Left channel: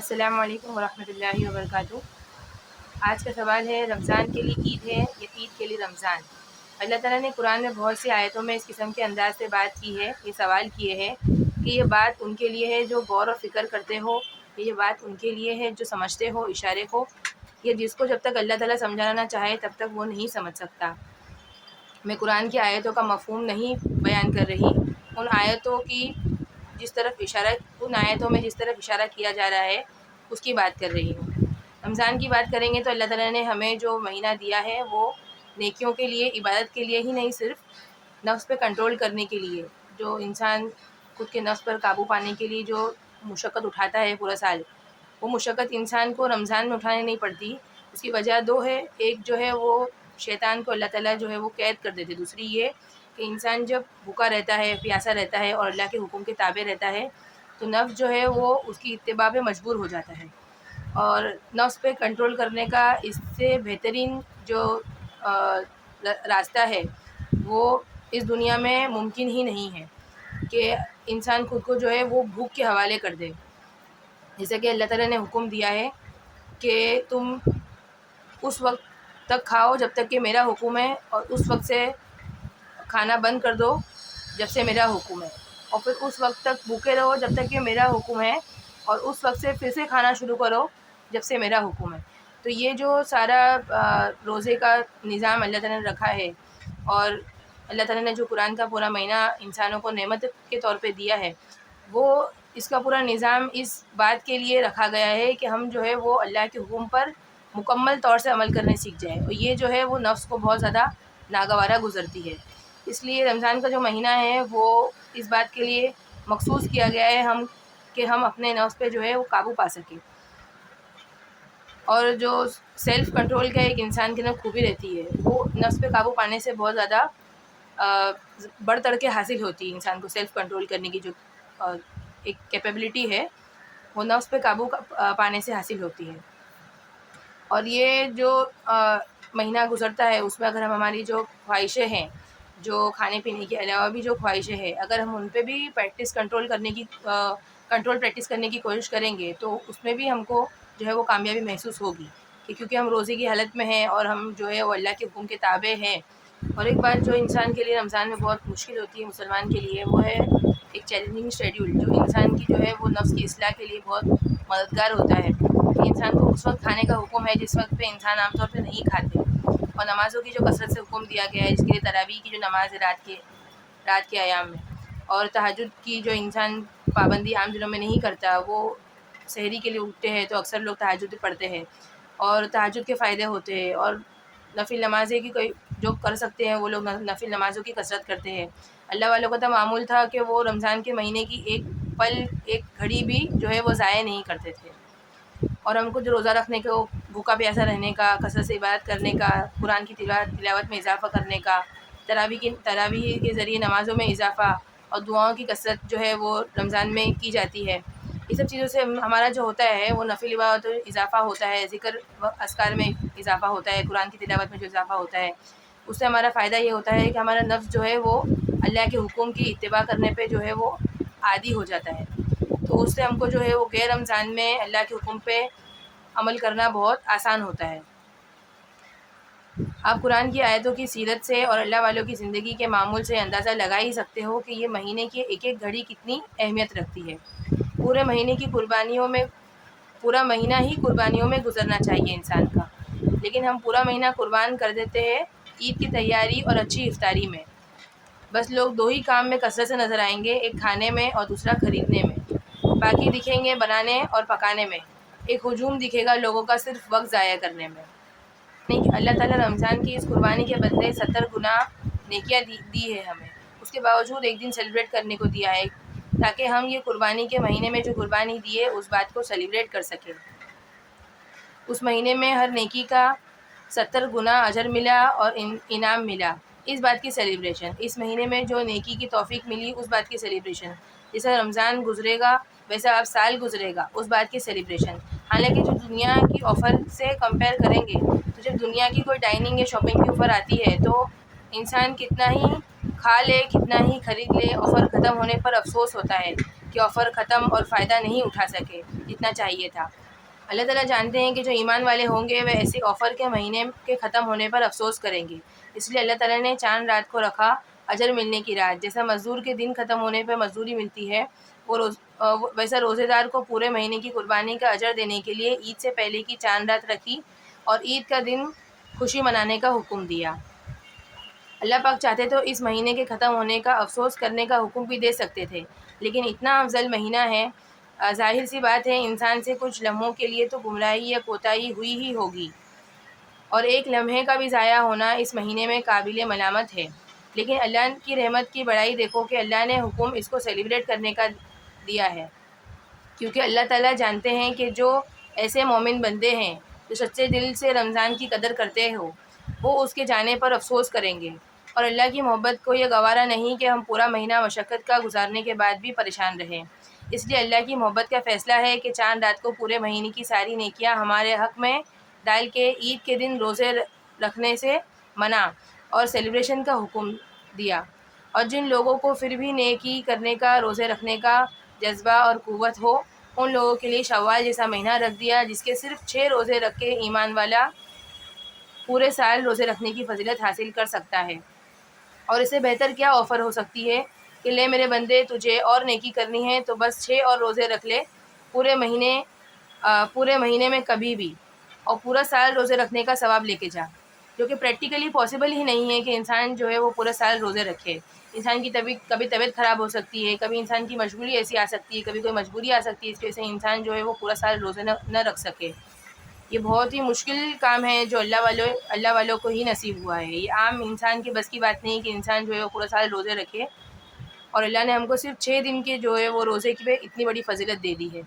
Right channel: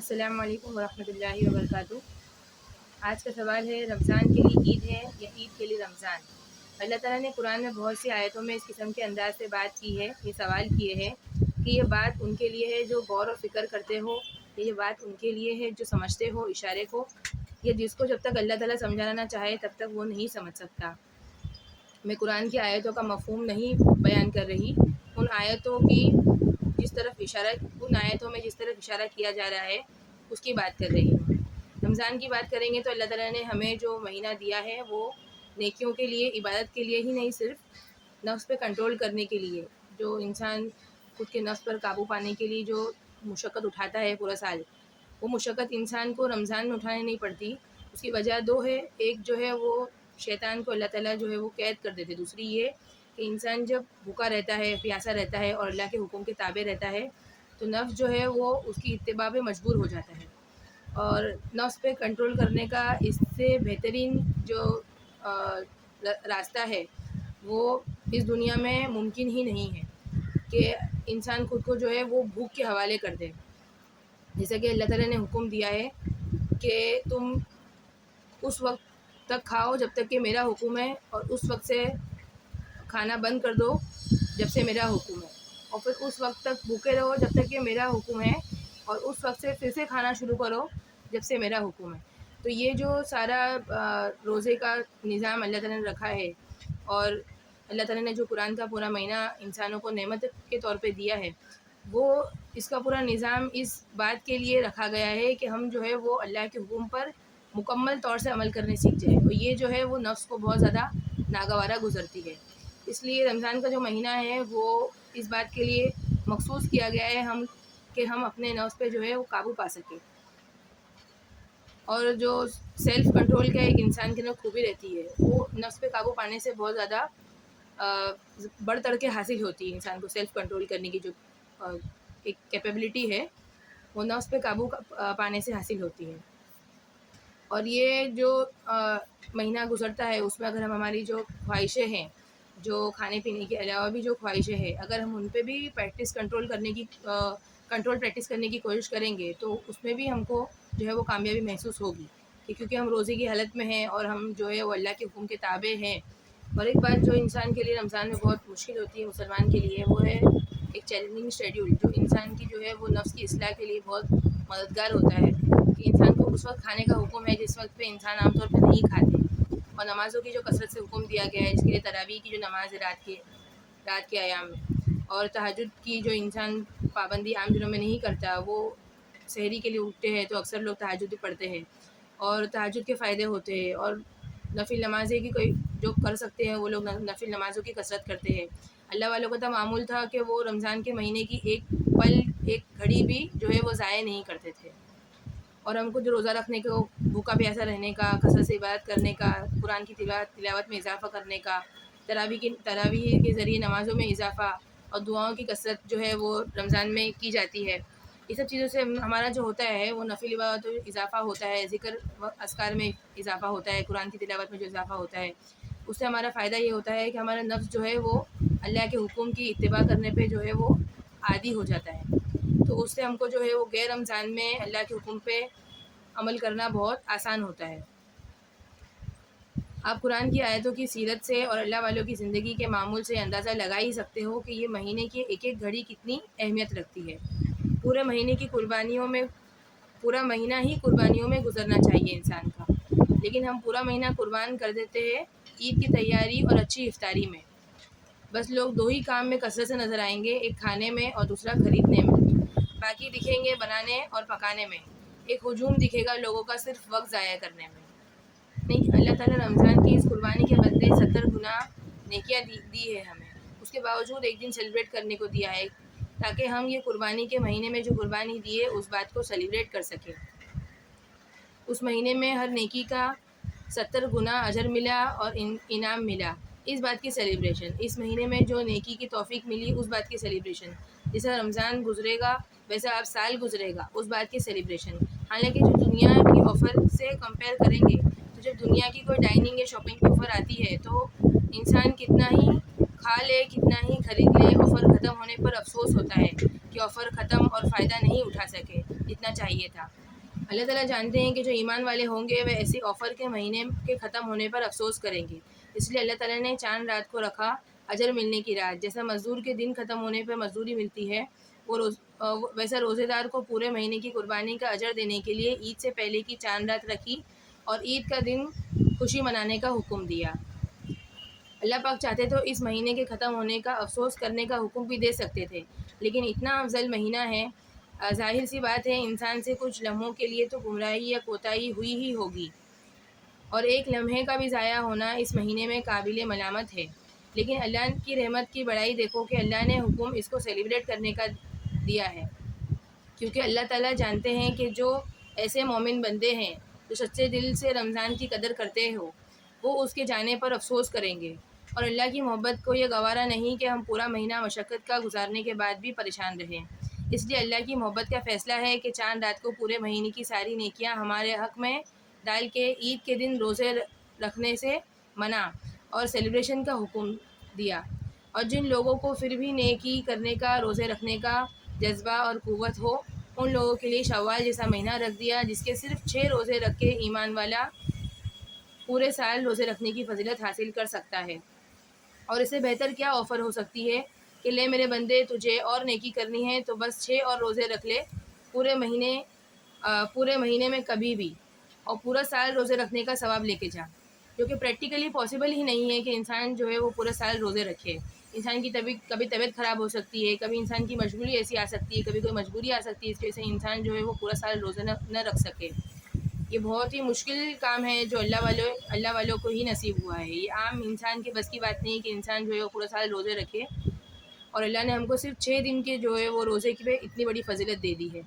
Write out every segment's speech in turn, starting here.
السلام علیکم ورحمۃ اللہ وبرکاتہ۔ آج کا سوال ہے، رمضان کے لیے عید ہے یا عید کے لیے رمضان؟ اللہ تعالیٰ نے قرآن میں بہت سی آیتوں میں اس قسم کے انداز سے بات کی ہے، یہ سوال کیے ہیں کہ یہ بات ان کے لیے ہے جو غور و فکر کرتے ہو، یہ بات ان کے لیے ہے جو سمجھتے ہو اشارے کو، یہ جس کو جب تک اللہ تعالیٰ سمجھانا چاہے تب تک وہ نہیں سمجھ سکتا۔ میں قرآن کی آیتوں کا مفہوم نہیں بیان کر رہی، ان آیتوں میں جس طرف اشارہ کیا جا رہا ہے اس کی بات کر رہی ہوں۔ رمضان کی بات کریں گے تو اللہ تعالیٰ نے ہمیں جو مہینہ دیا ہے وہ نیکیوں کے لیے، عبادت کے لیے ہی نہیں، صرف نفس پہ کنٹرول کرنے کے لیے، جو انسان خود کے نفس پر قابو پانے کے لیے جو مشقت اٹھاتا ہے پورا سال، وہ مشقت انسان کو رمضان میں اٹھانے نہیں پڑتی۔ اس کی وجہ دو ہے، ایک جو ہے وہ شیطان کو اللہ تعالیٰ جو ہے وہ قید کر دیتے، دوسری یہ کہ انسان جب بھوکا رہتا ہے، پیاسا رہتا ہے اور اللہ کے حکم کے تابع رہتا ہے تو نفس جو ہے وہ اس کی اتباع پہ مجبور ہو جاتا ہے، اور نفس پہ کنٹرول کرنے کا اس سے بہترین جو راستہ ہے وہ اس دنیا میں ممکن ہی نہیں ہے کہ انسان خود کو جو ہے وہ بھوک کے حوالے کر دے۔ جیسا کہ اللہ تعالیٰ نے حکم دیا ہے کہ تم اس وقت تک کھاؤ جب تک کہ میرا حکم ہے، اور اس وقت سے کھانا بند کر دو جب سے میرا حکم ہے، اور پھر اس وقت تک بھوکے رہو جب تک کہ میرا حکم ہے، اور اس وقت سے پھر سے کھانا شروع کرو جب سے میرا حکم ہے۔ تو یہ جو سارا روزے کا نظام اللہ تعالیٰ نے رکھا ہے، اور اللہ تعالیٰ نے جو قرآن کا پورا مہینہ انسانوں کو نعمت کے طور پہ دیا ہے، وہ اس کا پورا نظام اس بات کے لیے رکھا گیا ہے کہ ہم جو ہے وہ اللہ کے حکم پر مکمل طور سے عمل کرنے سیکھ جائیں، اور یہ جو ہے وہ نفس کو بہت زیادہ ناگوارہ گزرتی ہے۔ اس لیے رمضان کا جو مہینہ ہے وہ اس بات کے لیے مخصوص کیا گیا ہے کہ ہم اپنے نفس پہ جو ہے وہ قابو پا سکیں، اور جو سیلف کنٹرول کا ایک انسان کے اندر خوبی رہتی ہے، وہ نفس پہ قابو پانے سے بہت زیادہ بڑھ چڑھ کے حاصل ہوتی ہے۔ انسان کو سیلف کنٹرول کرنے کی جو ایک کیپیبلٹی ہے وہ نفس پہ قابو پانے سے حاصل ہوتی ہے، اور یہ جو مہینہ گزرتا ہے اس میں اگر ہم ہماری جو خواہشیں ہیں، جو کھانے پینے کے علاوہ بھی جو خواہشیں ہیں، اگر ہم ان پہ بھی کنٹرول پریکٹس کرنے کی کوشش کریں گے تو اس میں بھی ہم کو جو ہے وہ کامیابی محسوس ہوگی، کہ کیونکہ ہم روزے کی حالت میں ہیں اور ہم جو ہے وہ اللہ کے حکم کے تابع ہیں۔ اور ایک بات جو انسان کے لیے رمضان میں بہت مشکل ہوتی ہے مسلمان کے لیے، وہ ہے ایک چیلنجنگ شیڈیول، جو انسان کی جو ہے وہ نفس کی اصلاح کے لیے بہت مددگار ہوتا ہے، کہ انسان کو اس وقت کھانے کا حکم ہے جس وقت پہ انسان عام طور پہ نہیں کھاتے، اور نمازوں کی جو کثرت سے حکم دیا گیا ہے، جس کے لیے تراویح کی جو نماز ہے رات کے ایام میں، اور تہجد کی جو انسان پابندی عام دنوں میں نہیں کرتا، وہ سحری کے لیے اٹھتے ہیں تو اکثر لوگ تہجد پڑھتے ہیں، اور تہجد کے فائدے ہوتے ہیں، اور نفل نمازیں کی کوئی جو کر سکتے ہیں وہ لوگ نفل نمازوں کی کثرت کرتے ہیں۔ اللہ والوں کا تو معمول تھا کہ وہ رمضان کے مہینے کی ایک پل، ایک گھڑی بھی جو ہے وہ ضائع نہیں کرتے تھے، اور ہم کو جو روزہ رکھنے کو، بھوکا پیاسا رہنے کا، کثرت سے عبادت کرنے کا، قرآن کی تلاوت میں اضافہ کرنے کا، تراویح کے ذریعے نمازوں میں اضافہ اور دعاؤں کی کثرت جو ہے وہ رمضان میں کی جاتی ہے۔ یہ سب چیزوں سے ہمارا جو ہوتا ہے وہ نفل عبادت میں اضافہ ہوتا ہے، ذکر و اذکار میں اضافہ ہوتا ہے، قرآن کی تلاوت میں جو اضافہ ہوتا ہے، اس سے ہمارا فائدہ یہ ہوتا ہے کہ ہمارا نفس جو ہے وہ اللہ کے حکم کی اتباع کرنے پہ جو ہے وہ عادی ہو جاتا ہے، تو اس سے ہم کو جو ہے وہ غیر رمضان میں اللہ کے حکم پہ عمل کرنا بہت آسان ہوتا ہے۔ آپ قرآن کی آیتوں کی سیرت سے اور اللہ والوں کی زندگی کے معمول سے اندازہ لگا ہی سکتے ہو کہ یہ مہینے کی ایک ایک گھڑی کتنی اہمیت رکھتی ہے۔ پورا مہینہ ہی قربانیوں میں گزرنا چاہیے انسان کا، لیکن ہم پورا مہینہ قربان کر دیتے ہیں عید کی تیاری اور اچھی افطاری میں۔ بس لوگ دو ہی کام میں کثرت سے نظر آئیں گے، ایک کھانے میں اور دوسرا خریدنے میں، باقی دکھیں گے بنانے اور پکانے میں۔ ایک ہجوم دکھے گا لوگوں کا صرف وقت ضائع کرنے میں۔ نہیں کہ اللہ تعالیٰ رمضان کی اس قربانی کے بدلے 70 گنا نیکیاں دی ہے ہمیں، اس کے باوجود ایک دن سیلیبریٹ کرنے کو دیا ہے، تاکہ ہم یہ قربانی کے مہینے میں جو قربانی دی ہے اس بات کو سیلیبریٹ کر سکیں۔ اس مہینے میں ہر نیکی کا 70 گنا اجر ملا اور انعام ملا، اس بات کی سیلیبریشن۔ اس مہینے میں جو نیکی کی توفیق ملی اس بات کی سیلیبریشن۔ جیسا رمضان گزرے گا ویسا اب سال گزرے گا، اس بات کی سیلیبریشن۔ حالانکہ جو دنیا کی آفر سے کمپیئر کریں گے تو جب دنیا کی کوئی ڈائننگ یا شاپنگ کی آفر آتی ہے تو انسان کتنا ہی کھا لے، کتنا ہی خرید لے، آفر ختم ہونے پر افسوس ہوتا ہے کہ آفر ختم اور فائدہ نہیں اٹھا سکے۔ اتنا چاہیے تھا۔ اللہ تعالیٰ جانتے ہیں کہ جو ایمان والے ہوں گے وہ ایسے آفر کے مہینے کے ختم ہونے پر افسوس کریں گے، اس لیے اللہ تعالیٰ نے چاند رات کو رکھا اجر ملنے کی رات۔ جیسا مزدور کے دن ختم ہونے پر مزدوری ملتی ہے، ویسا روزے دار کو پورے مہینے کی قربانی کا اجر دینے کے لیے عید سے پہلے کی چاند رات رکھی اور عید کا دن خوشی منانے کا حکم دیا۔ اللہ پاک چاہتے تو اس مہینے کے ختم ہونے کا افسوس کرنے کا حکم بھی دے سکتے تھے، لیکن اتنا افضل مہینہ ہے، ظاہر سی بات ہے انسان سے کچھ لمحوں کے لیے تو گمراہی یا کوتاہی ہوئی ہی ہوگی، اور ایک لمحے کا بھی ضائع ہونا اس مہینے میں قابل ملامت ہے۔ لیکن اللہ کی رحمت کی بڑائی دیکھو کہ اللہ نے حکم اس کو سیلیبریٹ کرنے کا دیا ہے، کیونکہ اللہ تعالیٰ جانتے ہیں کہ جو ایسے مومن بندے ہیں جو سچے دل سے رمضان کی قدر کرتے ہو، وہ اس کے جانے پر افسوس کریں گے، اور اللہ کی محبت کو یہ گوارا نہیں کہ ہم پورا مہینہ مشقت کا گزارنے کے بعد بھی پریشان رہیں۔ اس لیے اللہ کی محبت کا فیصلہ ہے کہ چاند رات کو پورے مہینے کی ساری نیکیاں ہمارے حق میں ڈال کے عید کے دن روزے رکھنے سے منع اور سیلیبریشن کا حکم دیا، اور جن لوگوں کو پھر بھی نیکی کرنے کا، روزے رکھنے کا جذبہ اور قوت ہو، ان لوگوں کے لیے شوال جیسا مہینہ رکھ دیا جس کے صرف 6 روزے رکھ کے ایمان والا پورے سال روزے رکھنے کی فضیلت حاصل کر سکتا ہے۔ اور اسے بہتر کیا آفر ہو سکتی ہے کہ لے میرے بندے، تجھے اور نیکی کرنی ہے تو بس 6 اور روزے رکھ لے پورے مہینے میں کبھی بھی، اور پورا سال روزے رکھنے کا ثواب لے کے جا، جو کہ پریکٹیکلی پاسبل ہی نہیں ہے کہ انسان جو ہے وہ پورا سال روزے رکھے۔ انسان کی کبھی طبیعت خراب ہو سکتی ہے، کبھی انسان کی مجبوری ایسی آ سکتی ہے، کبھی کوئی مجبوری آ سکتی ہے اس کی وجہ سے انسان جو ہے وہ پورا سال روزے نہ رکھ سکے۔ یہ بہت ہی مشکل کام ہے جو اللہ والوں کو ہی نصیب ہوا ہے۔ یہ عام انسان کی بس کی بات نہیں کہ انسان جو ہے وہ پورا سال روزے رکھے، اور اللہ نے ہم کو صرف 6 دن کے جو ہے وہ روزے کی پہ اتنی بڑی فضیلت دے دی ہے،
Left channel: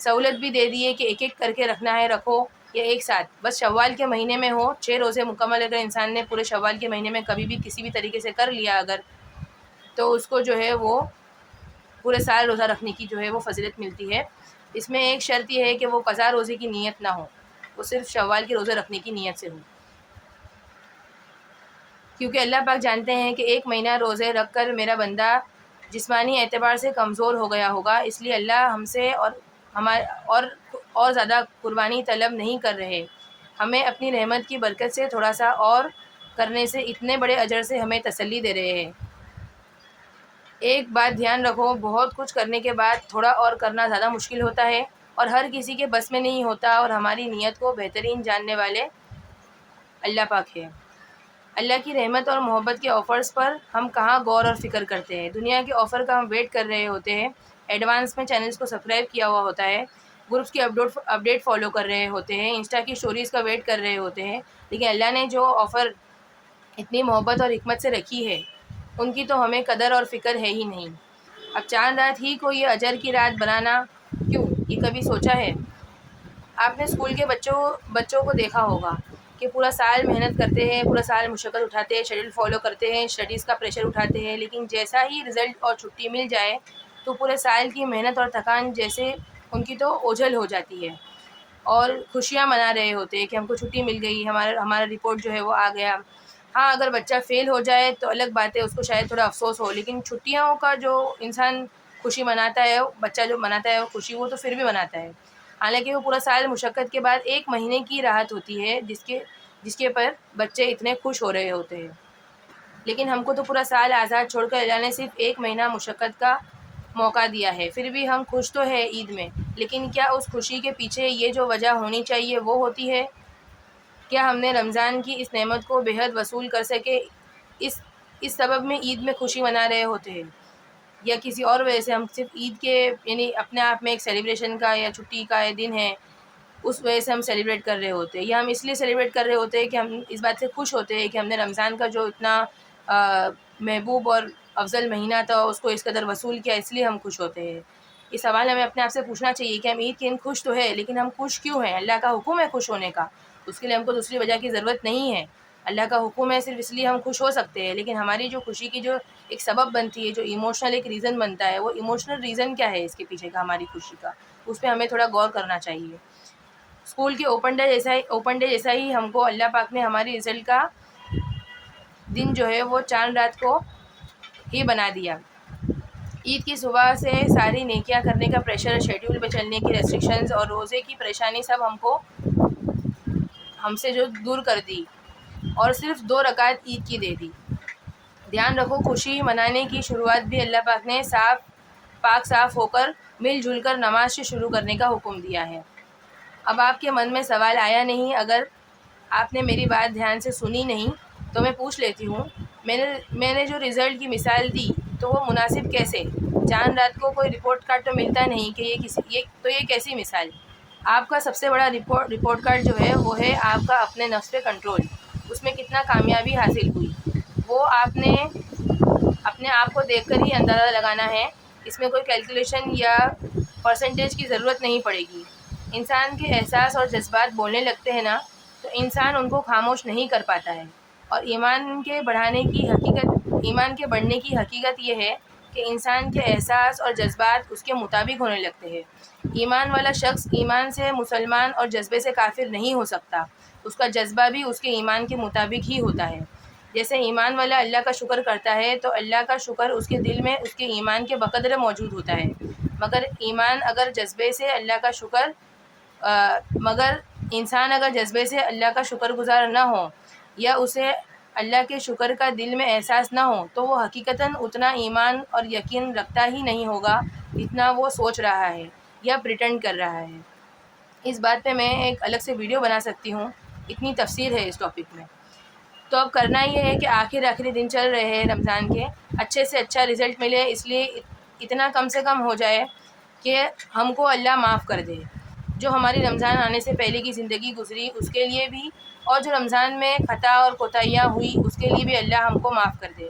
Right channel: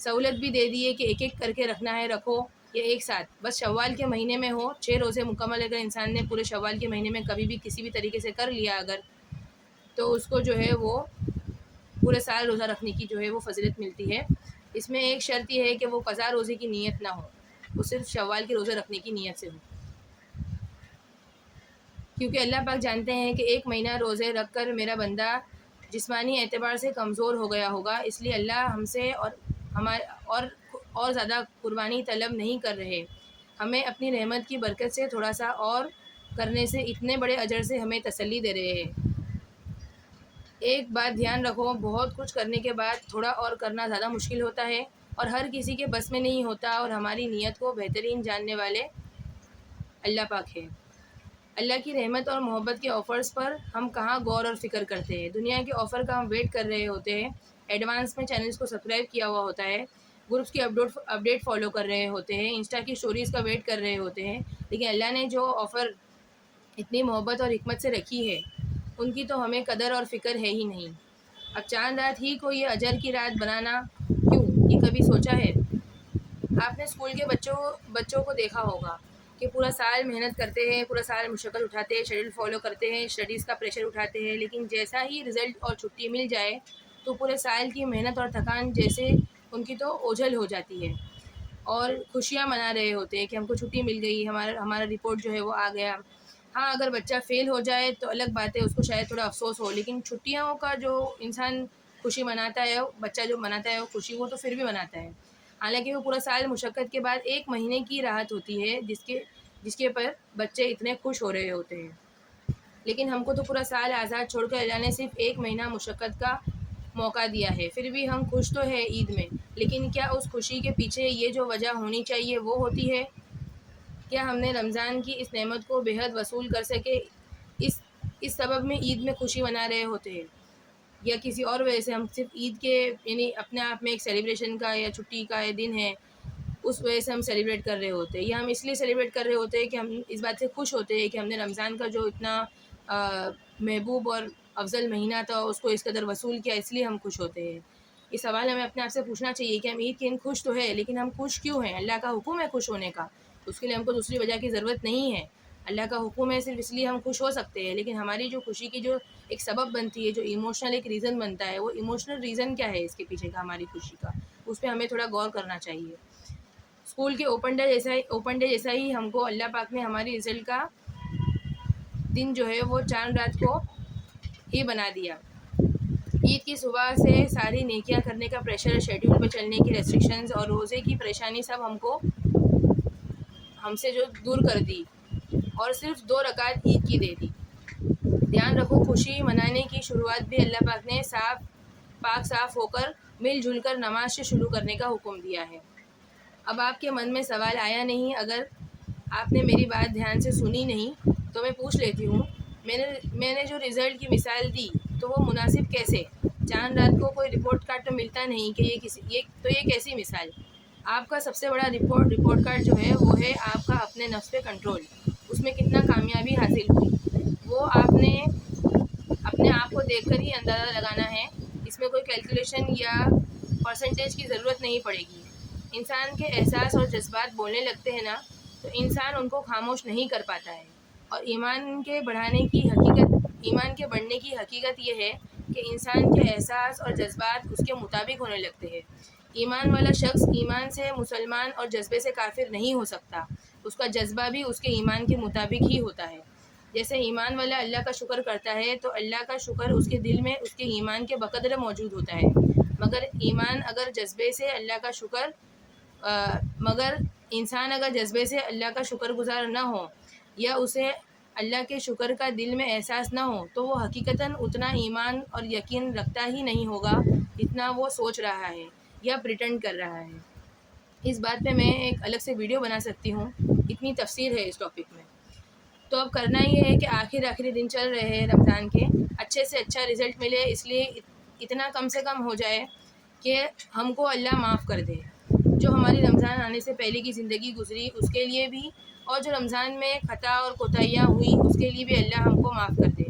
سہولت بھی دے دی ہے کہ ایک ایک کر کے رکھنا ہے رکھو، یا ایک ساتھ بس شوال کے مہینے میں ہو 6 روزے مکمل۔ اگر انسان نے پورے شوال کے مہینے میں کبھی بھی کسی بھی طریقے سے کر لیا اگر، تو اس کو جو ہے وہ پورے سال روزہ رکھنے کی جو ہے وہ فضیلت ملتی ہے۔ اس میں ایک شرط یہ ہے کہ وہ قضا روزے کی نیت نہ ہو، وہ صرف شوال کے روزے رکھنے کی نیت سے ہو، کیونکہ اللہ پاک جانتے ہیں کہ ایک مہینہ روزے رکھ کر میرا بندہ جسمانی اعتبار سے کمزور ہو گیا ہوگا، اس لیے اللہ ہم سے اور زیادہ قربانی طلب نہیں کر رہے، ہمیں اپنی رحمت کی برکت سے تھوڑا سا اور کرنے سے اتنے بڑے اجر سے ہمیں تسلی دے رہے ہیں۔ ایک بات دھیان رکھو، بہت کچھ کرنے کے بعد تھوڑا اور کرنا زیادہ مشکل ہوتا ہے، اور ہر کسی کے بس میں نہیں ہوتا، اور ہماری نیت کو بہترین جاننے والے اللہ پاک ہے۔ اللہ کی رحمت اور محبت کے آفرز پر ہم کہاں غور اور فکر کرتے ہیں، دنیا کے آفر کا ہم ویٹ کر رہے ہوتے ہیں، ایڈوانس میں چینلز کو سبسکرائب کیا ہوا ہوتا ہے، گروپس کی اپڈیٹ فالو کر رہے ہوتے ہیں، انسٹا کی اسٹوریز کا ویٹ کر رہے ہوتے ہیں، لیکن اللہ نے جو آفر اتنی محبت اور حکمت سے رکھی ہے ان کی تو ہمیں قدر اور فکر ہے ہی نہیں۔ اب چاند رات ہی کو یہ اجر کی رات بنانا کیوں، یہ کبھی سوچا ہے؟ آپ نے اسکول کے بچوں کو دیکھا ہوگا کہ پورا سال محنت کرتے ہیں، پورا سال مشقت اٹھاتے ہیں، شیڈول فالو کرتے ہیں، اسٹڈیز کا پریشر اٹھاتے ہیں، لیکن جیسا ہی رزلٹ اور چھٹی مل جائے تو پورے سال کی محنت اور تھکان جیسے ان کی تو اوجھل ہو جاتی ہے، اور خوشیاں منا رہے ہوتے ہیں کہ ہم کو چھٹی مل گئی، ہمارا رپورٹ جو ہے وہ آ گیا۔ ہاں اگر بچہ فیل ہو جائے تو الگ بات ہے، اس کو شاید تھوڑا افسوس ہو، لیکن چھٹیوں کا جو انسان خوشی مناتا ہے، بچہ جو مناتا ہے وہ خوشی، وہ تو پھر بھی مناتا ہے، حالانکہ وہ پورا سال مشقت کے بعد ایک مہینے کی راحت ہوتی ہے جس کے پر بچے اتنے خوش ہو رہے ہوتے ہیں۔ لیکن ہم کو تو پورا سال آزاد چھوڑ کر اللہ نے صرف ایک مہینہ مشقت کا موقع دیا ہے، پھر بھی ہم خوش تو ہے عید میں، لیکن کیا اس خوشی کے پیچھے یہ جو وجہ ہونی چاہیے وہ ہوتی ہے؟ کیا ہم نے رمضان کی اس نعمت کو بے حد وصول کر سکے اس سبب میں عید میں خوشی منا رہے ہوتے ہیں، یا کسی اور وجہ سے ہم صرف عید کے یعنی اپنے آپ میں ایک سیلیبریشن کا یا چھٹی کا یہ دن ہے اس وجہ سے ہم سیلیبریٹ کر رہے ہوتے ہیں، یا ہم اس لیے سیلیبریٹ کر رہے ہوتے ہیں کہ ہم اس بات سے خوش ہوتے ہیں کہ ہم نے رمضان کا جو اتنا محبوب اور افضل مہینہ تھا اس کو اس قدر وصول کیا، اس لیے ہم خوش ہوتے ہیں۔ یہ سوال ہمیں اپنے آپ سے پوچھنا چاہیے کہ ہم عید کے دن خوش تو ہے، لیکن ہم خوش کیوں ہیں؟ اللہ کا حکم ہے خوش ہونے کا، اس کے لیے ہم کو دوسری وجہ کی ضرورت نہیں ہے، اللہ کا حکم ہے صرف اس لیے ہم خوش ہو سکتے ہیں، لیکن ہماری جو خوشی کی جو ایک سبب بنتی ہے، جو ایموشنل ایک ریزن بنتا ہے، وہ ایموشنل ریزن کیا ہے اس کے پیچھے کا ہماری خوشی کا، اس پہ ہمیں تھوڑا غور کرنا چاہیے۔ اسکول کے اوپن ڈے جیسا ہی ہم کو اللہ پاک نے ہماری رزلٹ کا دن جو ہے وہ چاند رات کو ہی بنا دیا۔ عید کی صبح سے ساری نیکیاں کرنے کا پریشر، شیڈیول پہ چلنے کی ریسٹرکشنز اور روزے کی پریشانی سب ہم سے جو دور کر دی اور صرف 2 رکعت عید کی دے دی۔ دھیان رکھو، خوشی منانے کی شروعات بھی اللہ پاک نے صاف ہو کر مل جل کر نماز سے شروع کرنے کا حکم دیا ہے۔ اب آپ کے من میں سوال آیا نہیں؟ اگر آپ نے میری بات دھیان سے سنی نہیں تو میں پوچھ لیتی ہوں، میں نے جو رزلٹ کی مثال دی تو وہ مناسب کیسے؟ چاند رات کو کوئی رپورٹ کارڈ تو ملتا نہیں کہ یہ کیسی مثال؟ آپ کا سب سے بڑا رپورٹ کارڈ جو ہے وہ ہے آپ کا اپنے نفس پہ کنٹرول، اس میں کتنا کامیابی حاصل ہوئی وہ آپ نے اپنے آپ کو دیکھ کر ہی اندازہ لگانا ہے۔ اس میں کوئی کیلکولیشن یا پرسنٹیج کی ضرورت نہیں پڑے گی۔ انسان کے احساس اور جذبات بولنے لگتے ہیں نا، تو انسان ان کو خاموش نہیں کر پاتا ہے، اور ایمان کے بڑھنے کی حقیقت یہ ہے کہ انسان کے احساس اور جذبات اس کے مطابق ہونے لگتے ہیں۔ ایمان والا شخص ایمان سے مسلمان اور جذبے سے کافر نہیں ہو سکتا، اس کا جذبہ بھی اس کے ایمان کے مطابق ہی ہوتا ہے۔ جیسے ایمان والا اللہ کا شکر کرتا ہے تو اللہ کا شکر اس کے دل میں اس کے ایمان کے بقدر موجود ہوتا ہے، مگر انسان اگر جذبے سے اللہ کا شکر گزار نہ ہو یا اسے اللہ کے شکر کا دل میں احساس نہ ہو تو وہ حقیقتاً اتنا ایمان اور یقین رکھتا ہی نہیں ہوگا اتنا وہ سوچ رہا ہے یا پریٹینڈ کر رہا ہے۔ اس بات پہ میں ایک الگ سے ویڈیو بنا سکتی ہوں، اتنی تفصیل ہے اس ٹاپک میں۔ تو اب کرنا یہ ہے کہ آخری دن چل رہے ہیں رمضان کے، اچھے سے اچھا رزلٹ ملے، اس لیے اتنا کم سے کم ہو جائے کہ ہم کو اللہ معاف کر دے۔ جو ہماری رمضان آنے سے پہلے کی زندگی گزری اس کے لیے بھی، اور جو رمضان میں خطا اور کوتاہیاں ہوئی اس کے لیے بھی اللہ ہم کو معاف کر دے۔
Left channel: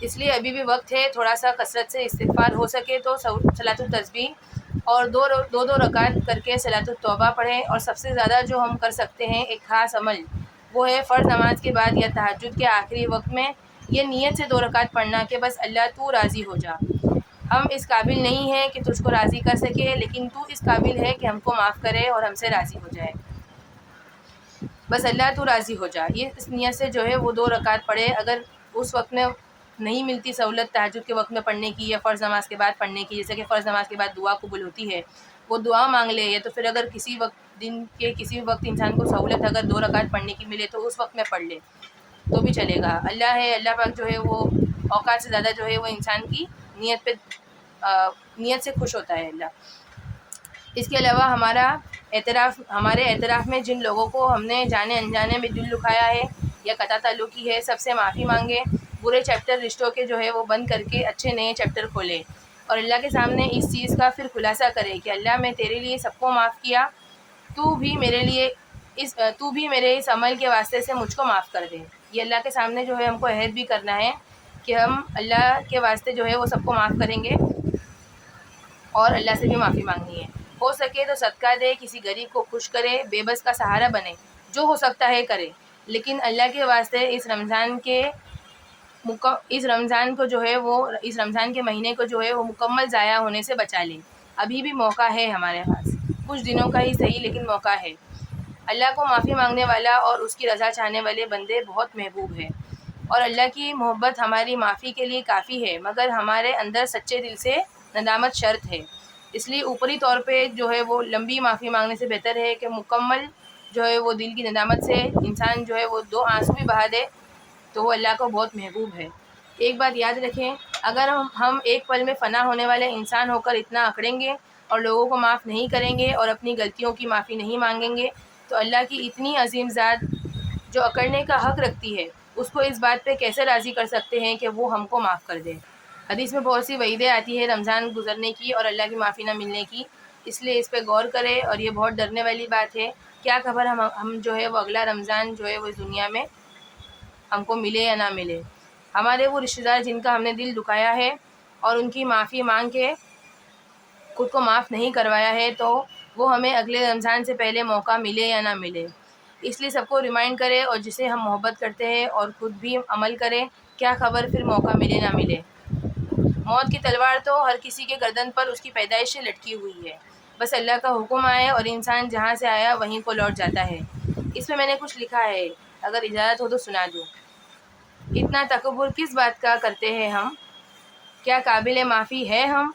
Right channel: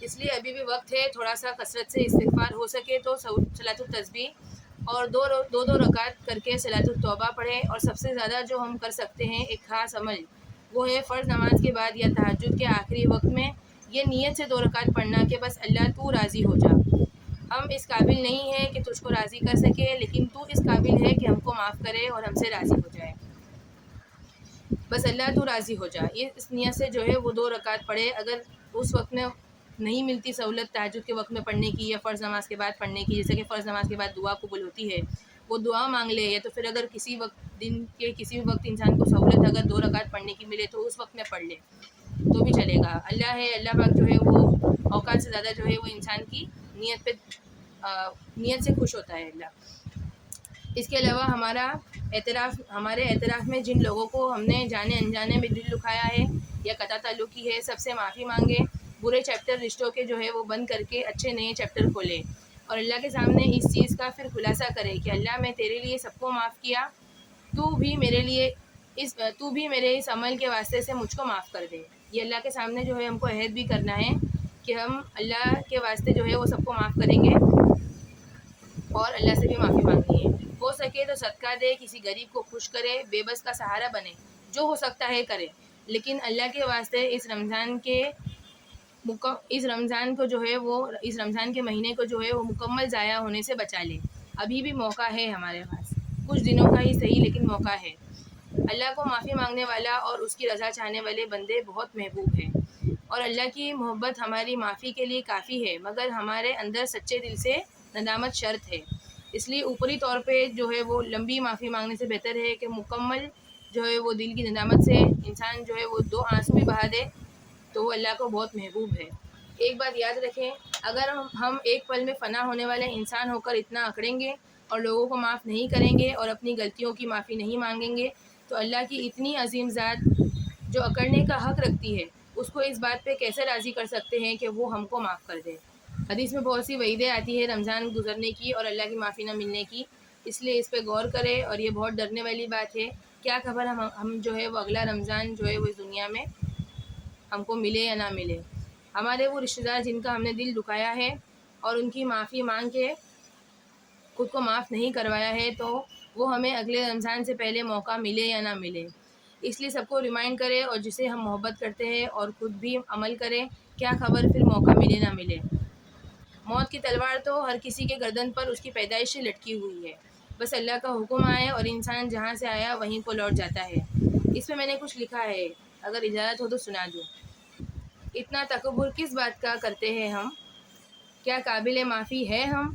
اس لیے ابھی بھی وقت ہے، تھوڑا سا کثرت سے استغفار ہو سکے تو صلاۃ التسبیح اور دو رکعت کر کے صلاۃ التوبہ پڑھیں، اور سب سے زیادہ جو ہم کر سکتے ہیں ایک خاص عمل، وہ ہے فرض نماز کے بعد یا تہجد کے آخری وقت میں یہ نیت سے 2 رکعت پڑھنا کہ بس اللہ تو راضی ہو جا۔ ہم اس قابل نہیں ہیں کہ تجھ کو راضی کر سکے، لیکن تو اس قابل ہے کہ ہم کو معاف کرے اور ہم سے راضی ہو جائے۔ بس اللہ تو راضی ہو جا، یہ اس نیت سے جو ہے وہ 2 رکعت پڑھے۔ اگر اس وقت میں نہیں ملتی سہولت تہجد کے وقت میں پڑھنے کی یا فرض نماز کے بعد پڑھنے کی، جیسے کہ فرض نماز کے بعد دعا قبول ہوتی ہے، وہ دعا مانگ لے، یا تو پھر اگر دن کے کسی وقت انسان کو سہولت اگر 2 رکعت پڑھنے کی ملے تو اس وقت میں پڑھ لے تو بھی چلے گا۔ اللہ پاک جو ہے وہ اوقات سے زیادہ جو ہے وہ انسان کی نیت سے خوش ہوتا ہے اللہ۔ اس کے علاوہ ہمارے اعتراف میں جن لوگوں کو ہم نے جانے انجانے میں دل دکھایا ہے یا قطع تعلقی ہے، سب سے معافی مانگے، برے چیپٹر رشتوں کے جو ہے وہ بند کر کے اچھے نئے چیپٹر کھولے، اور اللہ کے سامنے اس چیز کا پھر خلاصہ کرے کہ اللہ میں تیرے لیے سب کو معاف کیا، تو بھی میرے اس عمل کے واسطے سے مجھ کو معاف کر دے۔ یہ اللہ کے سامنے جو ہے ہم کو عہد بھی کرنا ہے کہ ہم اللہ کے واسطے جو ہے وہ سب کو معاف کریں گے، اور اللہ سے بھی معافی مانگنی ہے۔ ہو سکے تو صدقہ دے، کسی غریب کو خوش کرے، بے بس کا سہارا بنے، جو ہو سکتا ہے کرے، لیکن اللہ کے واسطے اس رمضان کے مہینے کو جو ہے وہ مکمل ضائع ہونے سے بچا لے۔ ابھی بھی موقع ہے ہمارے پاس، کچھ دنوں کا ہی صحیح لیکن موقع ہے۔ اللہ کو معافی مانگنے والا اور اس کی رضا چاہنے والے بندے بہت محبوب ہیں، اور اللہ کی محبت ہماری معافی کے لیے کافی ہے، مگر ہمارے اندر سچے دل سے ندامت شرط ہے۔ اس لیے اوپری طور پہ جو ہے وہ لمبی معافی مانگنے سے بہتر ہے کہ مکمل جو ہے وہ دل کی ندامت سے انسان جو ہے وہ 2 آنسو بھی بہا دے تو وہ اللہ کو بہت محبوب ہے۔ ایک بات یاد رکھیں، اگر ہم ایک پل میں فنا ہونے والے انسان ہو کر اتنا اکڑیں گے اور لوگوں کو معاف نہیں کریں گے اور اپنی غلطیوں کی معافی نہیں مانگیں گے، تو اللہ کی اتنی عظیم ذات جو اکڑنے کا حق رکھتی ہے، اس کو اس بات پہ کیسے راضی کر سکتے ہیں کہ وہ ہم کو معاف کر دے۔ حدیث میں بہت سی وعیدیں آتی ہے رمضان گزرنے کی اور اللہ کی معافی نہ ملنے کی، اس لیے اس پہ غور کرے، اور یہ بہت ڈرنے والی بات ہے۔ کیا خبر ہم جو ہے وہ اگلا رمضان جو ہے وہ اس دنیا میں ہم کو ملے یا نہ ملے۔ ہمارے وہ رشتہ دار جن کا ہم نے دل دکھایا ہے اور ان کی معافی مانگ کے خود کو معاف نہیں کروایا ہے، تو وہ ہمیں اگلے رمضان سے پہلے موقع ملے یا نہ ملے۔ اس لیے سب کو ریمائنڈ کرے، اور جسے ہم محبت کرتے ہیں اور خود بھی عمل کریں، کیا خبر پھر موقع ملے نہ ملے۔ موت کی تلوار تو ہر کسی کے گردن پر اس کی پیدائش سے لٹکی ہوئی ہے، بس اللہ کا حکم آئے اور انسان جہاں سے آیا وہیں کو لوٹ جاتا ہے۔ اس میں نے کچھ لکھا ہے، اگر اجازت ہو تو سنا دوں۔ اتنا تکبر کس بات کا کرتے ہیں ہم، کیا قابل معافی ہے ہم؟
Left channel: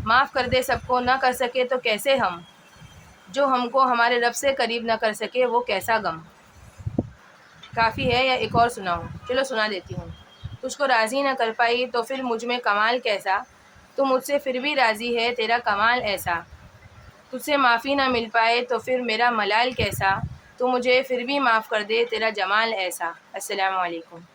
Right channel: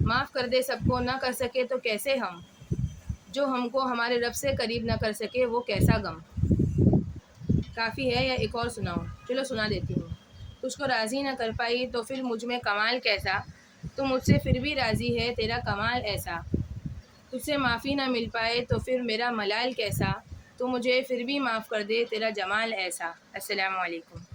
معاف کر دے سب کو، نہ کر سکے تو کیسے ہم؟ جو ہم کو ہمارے رب سے قریب نہ کر سکے وہ کیسا غم؟ کافی ہے یا ایک اور سناؤں؟ چلو سنا دیتی ہوں۔ تجھ کو راضی نہ کر پائی تو پھر مجھ میں کمال کیسا؟ تو مجھ سے پھر بھی راضی ہے تیرا کمال ایسا۔ تجھ سے معافی نہ مل پائے تو پھر میرا ملال کیسا؟ تو مجھے پھر بھی معاف کر دے تیرا جمال ایسا۔ السلام علیکم۔